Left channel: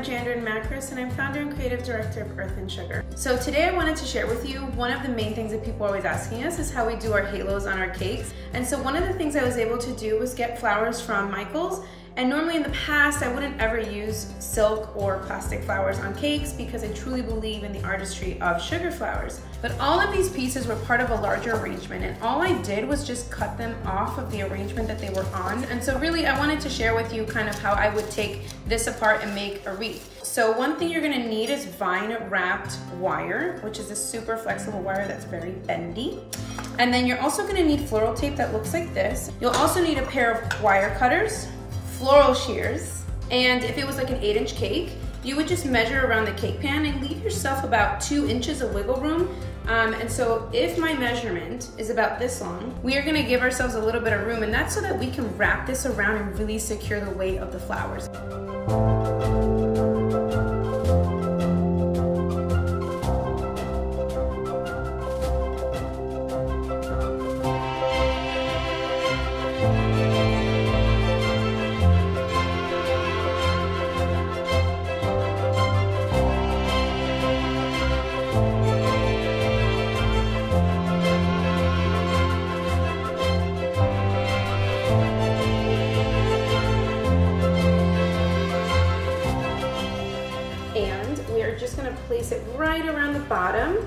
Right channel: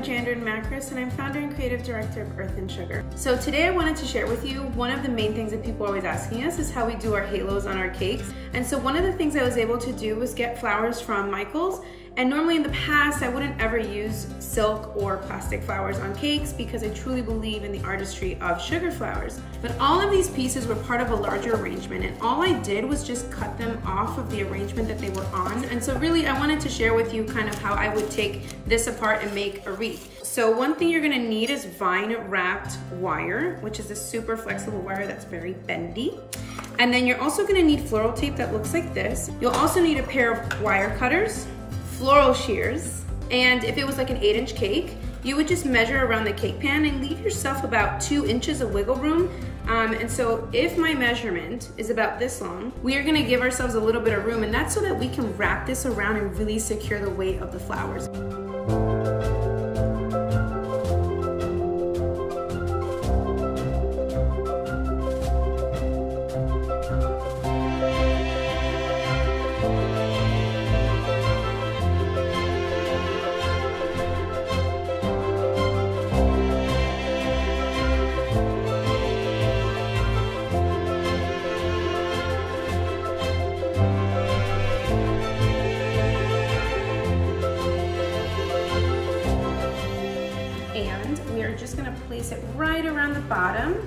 I'm Janderyn Makris, and I'm founder and creative director of Earth and Sugar. So today I wanted to share with you one of the main things that people are always asking us is how we do our halos on our cakes. And so one of the things I was able to do was get flowers from Michael's. And normally in the past, I wouldn't ever use silk or plastic flowers on cakes because I truly believe in the artistry of sugar flowers. But all of these pieces were part of a larger arrangement, and all I did was just cut them off of the arrangement that they were on. And so really I wanted to share with you kind of how I would take this apart and make a wreath. So one thing you're gonna need is vine wrapped wire, which is a super flexible wire that's very bendy. And then you're also gonna need floral tape that looks like this. You'll also need a pair of wire cutters, floral shears, and if it was like an 8-inch cake, you would just measure around the cake pan and leave yourself about 2 inches of wiggle room. And so if my measurement is about this long, we are gonna give ourselves a little bit of room, and that's so that we can wrap this around and really secure the weight of the flowers. And we are just gonna place it right around the bottom.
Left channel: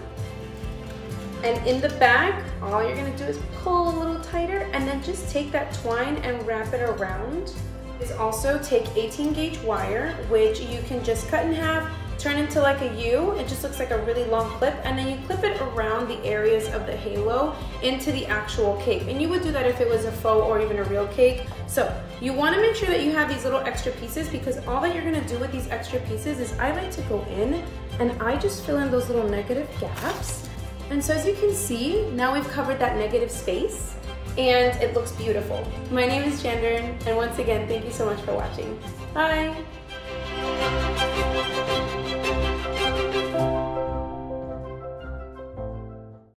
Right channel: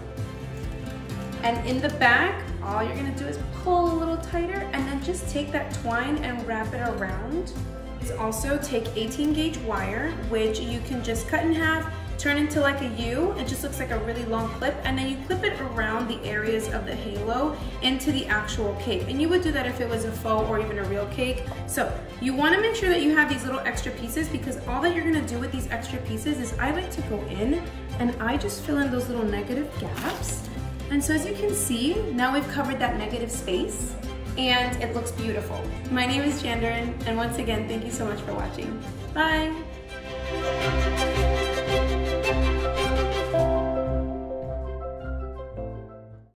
And in the back, all you're gonna do is pull a little tighter and then just take that twine and wrap it around. Is also take 18 gauge wire, which you can just cut in half, turn into like a U. It just looks like a really long clip, and then you clip it around the areas of the halo into the actual cake. And you would do that if it was a faux or even a real cake. So you wanna make sure that you have these little extra pieces, because all that you're gonna do with these extra pieces is I like to go in and I just fill in those little negative gaps. And so as you can see, now we've covered that negative space and it looks beautiful. My name is Janderyn, and once again, thank you so much for watching. Bye.